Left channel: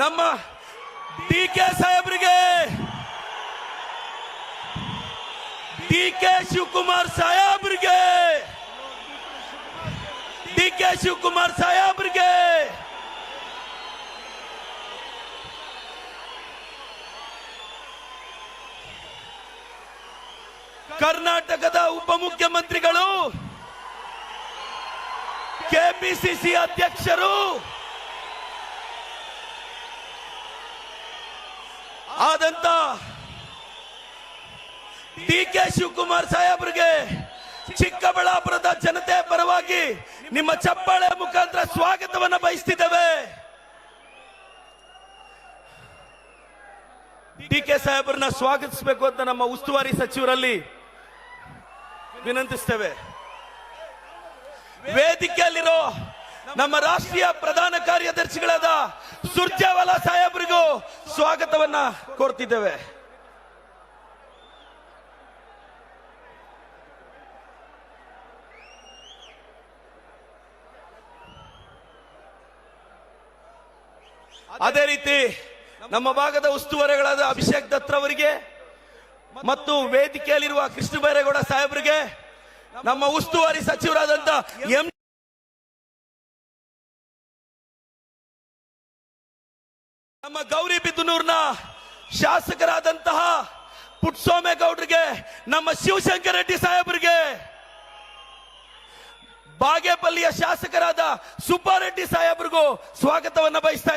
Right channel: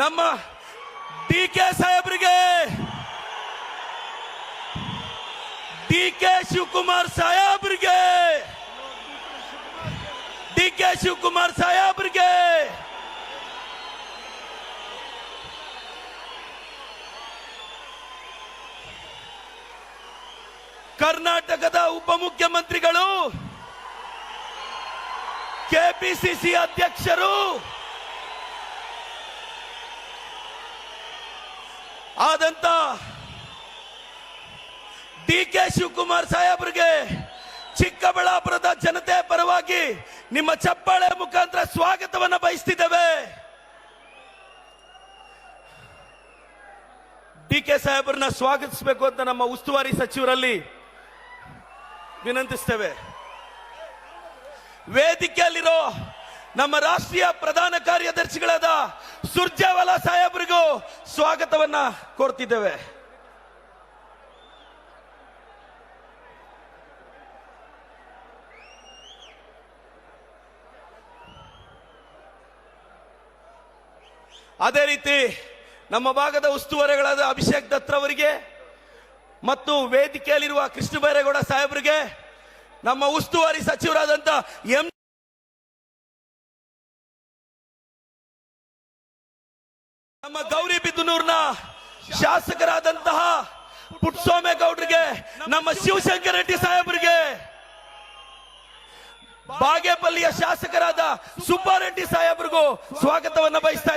ನಮ್ಮ D K ಸಾಹೇಬ್ರಿಗೆ, D K Shivakumar ಸಾಹೇಬ್ರಿಗೆ, ಡಿ ಕೆ ಶಿವಕುಮಾರ್ ಸಾಹೇಬ್ರಿಗೆ ಕರ್ನಾಟಕದ ಉಪಮುಖ್ಯಮಂತ್ರಿಗಳು, ಕೆಪಿಸಿಸಿ ಅಧ್ಯಕ್ಷರು ಆದಂತ ಡಿ ಕೆ ಶಿವಕುಮಾರ್ ಸಾಹೇಬ್ರಿಗೆ ಚಿಕ್ಕಬಳ್ಳಾಪುರದ ಜನತೆ ಪರವಾಗಿ ನಿಮ್ಮ ಚಪ್ಪಾಳೆ ಮುಖಾಂತರ ಸ್ವಾಗತವನ್ನು ಬಯಸ್ತಿದ್ದೇವೆ. ಡಿ ಕೆ ಸಾಹೇಬ್ರನ್ನ ಸ್ವಾಗತಿಸಬೇಕು ಅಂತ ನಮ್ಮ ಉಸ್ತುವಾರಿ ಸಚಿವರಲ್ಲಿ ವಿನಂತಿಸ್ತೇವೆ. ವೇದಿಕೆಯಲ್ಲಿರೋ ನಮ್ಮ ರಾಷ್ಟ್ರೀಯ ಪ್ರಧಾನ ಕಾರ್ಯದರ್ಶಿಗಳಾದ ಸುರ್ಜೇವಾಲಾ ಸಾಹೇಬ್ರಿಗೂ ಸ್ವಾಗತವನ್ನ ಕೋರ್ತಿದ್ದೇವೆ. ಅದೇ ರೀತಿ ನಮ್ಮ ಭಾಗದ ಉಸ್ತುವಾರಿಗಳಾದ ಅಭಿಷೇಕ್ ದತ್ ಅವರಿಗೆ ಮತ್ತು ವೇದಿಕೆಯಲ್ಲಿರುವ ಕೃಷ್ಣ ಬೈರೇಗೌಡ ಸಾಹೇಬರಿಗೆ, ನಮ್ಮ ಉಸ್ತುವಾರಿ ಸಚಿವರಾದಂತ ನಮ್ಮ ಗೌರಿಬಿದನೂರಿನ ಶಾಸಕರಾದಂತಹ ಪುಟ್ಟಸ್ವಾಮೇಗೌಡರಿಗೆ, ನಮ್ಮ ಶಿವಶಂಕರ ರೆಡ್ಡಿ ಸಾಹೇಬರಿಗೆ, ಬಾಗೇಪಲ್ಲಿಯ ಶಾಸಕರಾದ ಸುಬ್ಬಾರೆಡ್ಡಿ ಸಾಹೇಬರಿಗೂ ಸ್ವಾಗತವನ್ನು ಬಯಸ್ತಾ